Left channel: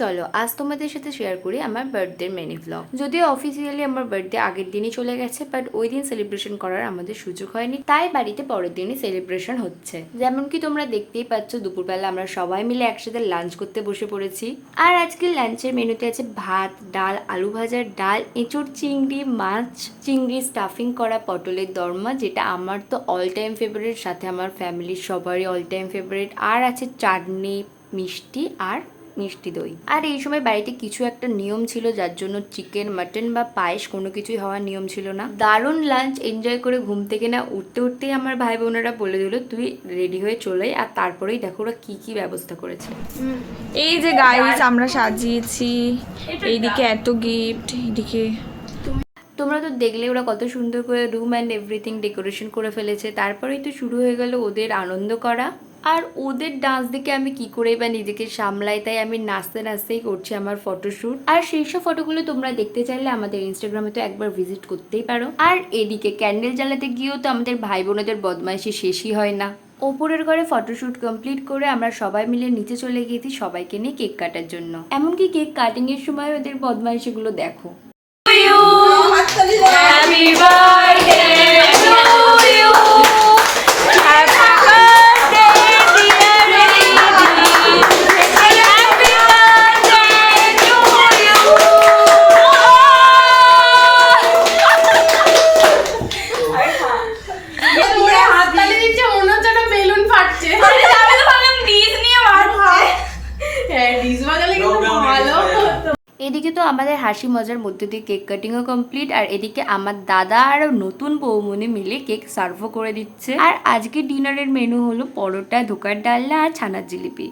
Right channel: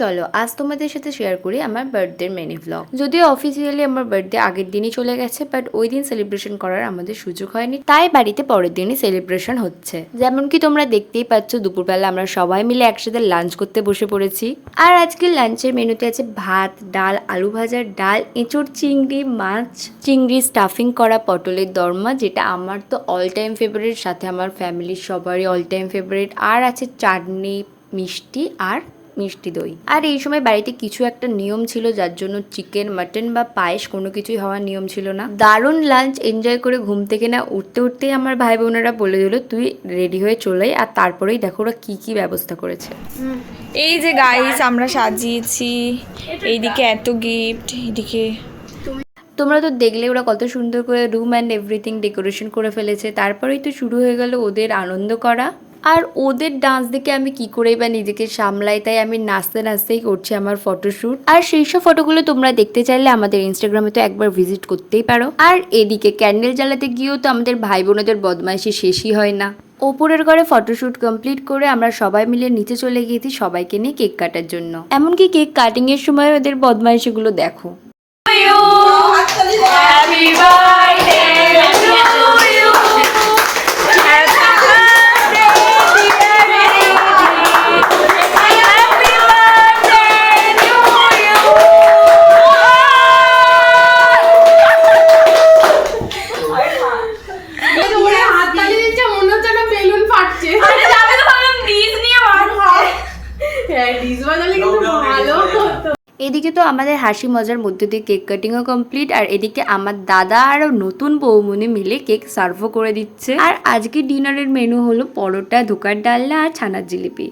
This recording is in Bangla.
চলো আজ তোমাদের সাথে শেয়ার করি আমার বার্থডে মেনি ভ্লগ। যদিও অফিসিয়ালি আমার বার্থডে আগের দিনই চলে গেছে, বাট ওই দিন সেলিব্রেশন করার আমাদের সুযোগ হয়নি, তাই বাড়িতে পরের দিনই সেলিব্রেশন হচ্ছে। যেমন কি তোমরা দেখতেই পাচ্ছ, দুপুরবেলা আমরা সবাই মিলে একসাথে লাঞ্চ করতে বসে পড়েছি। আর আজকে লাঞ্চের মেনুতে আছে ভাত, ডাল, আলু ভাজার ডাল, এঁচড়, চিংড়ি মাছ, চিংড়ি স্টাফিং করা, পটলের দরমা, যেটা আমার তো অল টাইম ফেভারিট, সাথে আমার ফ্যামিলির সবারই অল টাইম ফেভারিট। আর আছে চাটনি, মিষ্টি আর মিষ্টি দই। আর এই সময় বাড়িতে কিছু একটা নিয়ম ছিল, যার জন্য চিকেন, মাটন বা পায়েস কোনো কিছুই হওয়ার নিয়ম ছিল না। দারুণ লাঞ্চ এনজয় করে ঘুম থেকে না উঠতে উঠতেই আমার ভাই বোনেরা বলে দিল তুই রেডি হয়ে চলে, আর তারপরেই দেখো ওরা কি কি ব্যবস্থা করেছে। এই যে গাইস আমরা সাজিয়েছি, এইদিকে এত গিফট, এইদিকে তোমরা তো দেখলে ওরা কত সুন্দর করে রুম অ্যান্ড এভরিথিং ডেকোরেশন করে ফেলেছে। তারপরেই তো শুরু হয়ে গেল ওদের আনন্দ করা। আর ওদের ডান্স দেখে আমি কি করেই বা নিজেকে সামলাই, তাই আমি নাচতে নাচতেই করছি আমার ফটোশ্যুট। আর সেই সব ফটোগুলো তোমরা দেখতে চাইলে আমাদের ইনস্টাগ্রামে তো একবার ভিজিট করতেই পারো। আর এদিকে ক্যান্ডেল জ্বালাতে গিয়েও তো আমাদের ভাই বোনেদের বদমাইশি শেষই হয় না। ওপরের ঘরে ফটোশ্যুট কমপ্লিট করে আমরা সবাই মিলে নিচে চলে গিয়েছি সবাইকে নিয়ে কেক কাটার জন্য। এমনকি কেক কাটিং এর সময় ওদের বদমাইশিগুলো দেখো। Happy birthday to you. Happy birthday dear Lady. Happy birthday to you. তোমরা হাত তালি দিচ্ছে, মনে হচ্ছে না বেলুন ফাটছে। আরে আমি তো ভাবলাম ডিজ নিয়ে মারবো। হ্যাঁ, ডিজ বাজালে কিন্তু ভালো হতো। এদিকে তো আমাদের হাসি মজার মধ্যে দিয়ে কেক কাটিংও কমপ্লিট, আর এদিকে আমার দাদা আর নতুন বৌমনি মিলে কেক সার্ভও করে দিচ্ছে। আর আজকে ডিনারের মেনু হলো পরোটা, ধোকার ডালনা আর ছানার জিলিপি।